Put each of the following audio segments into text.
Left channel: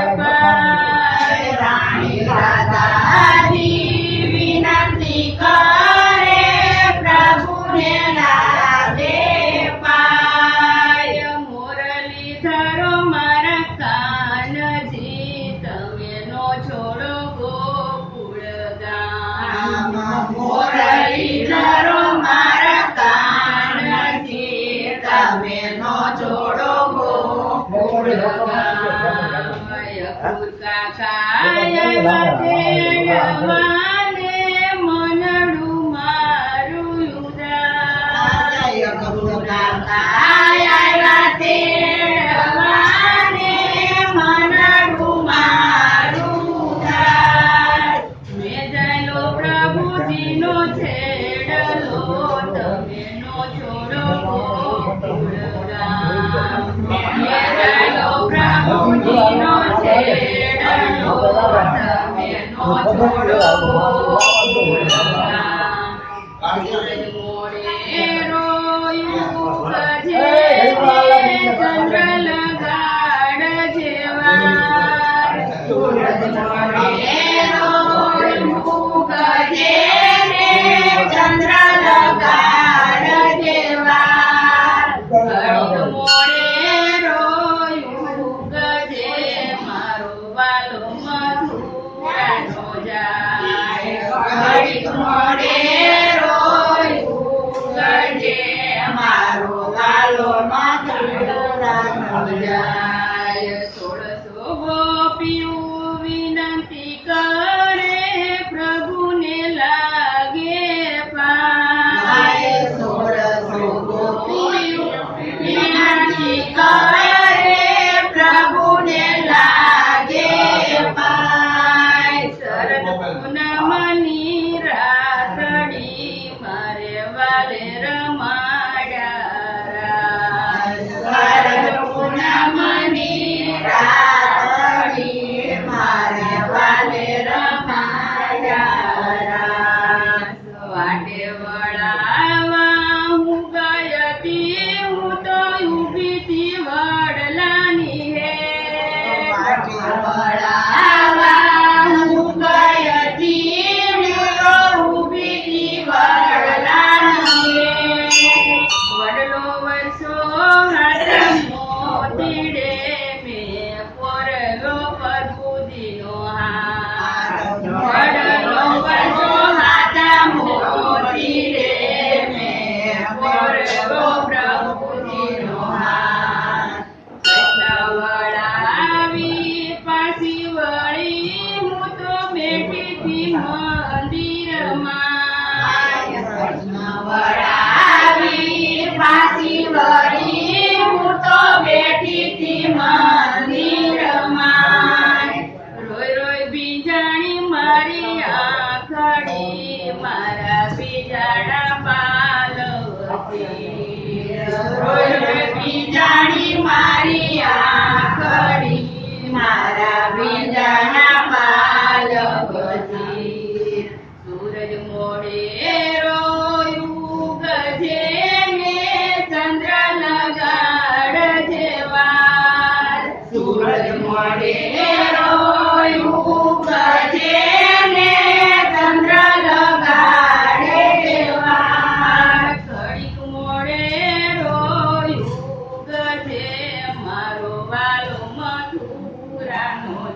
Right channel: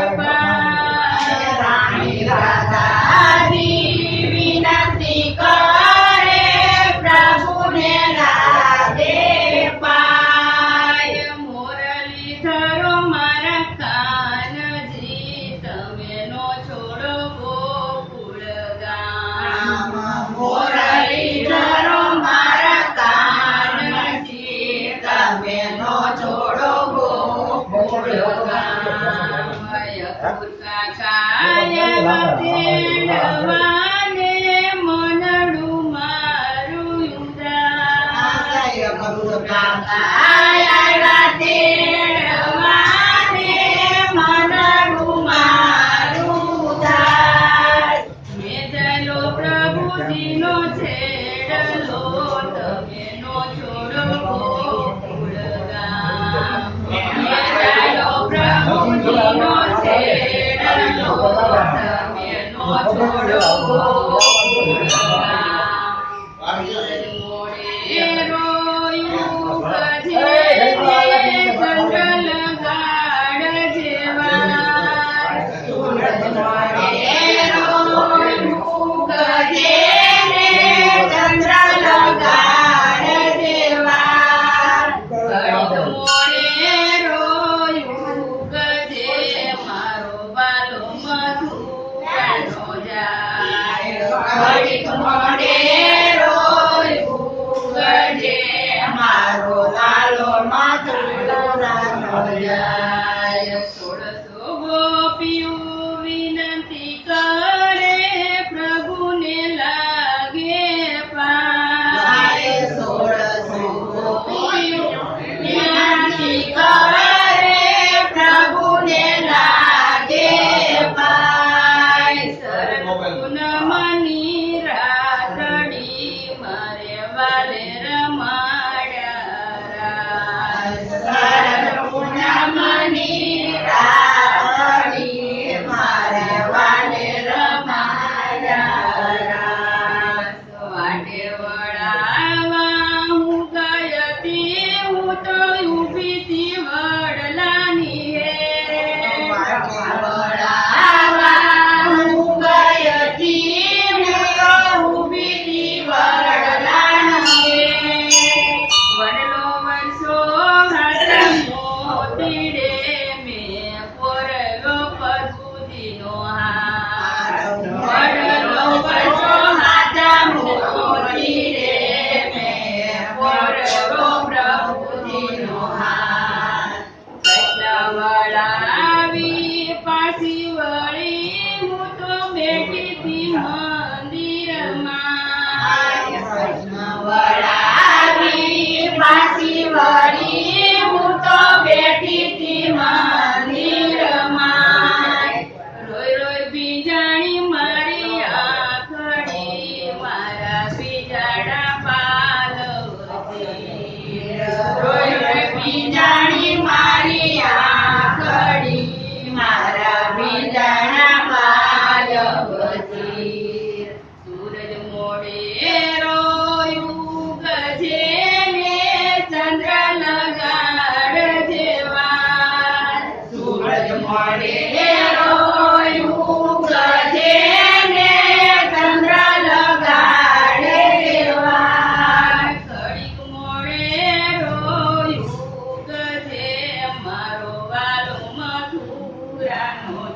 Lord. All right. Amén. Lalu lalu matulah nolnya.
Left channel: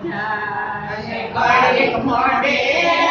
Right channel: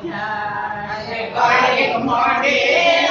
night. Everybody, come on.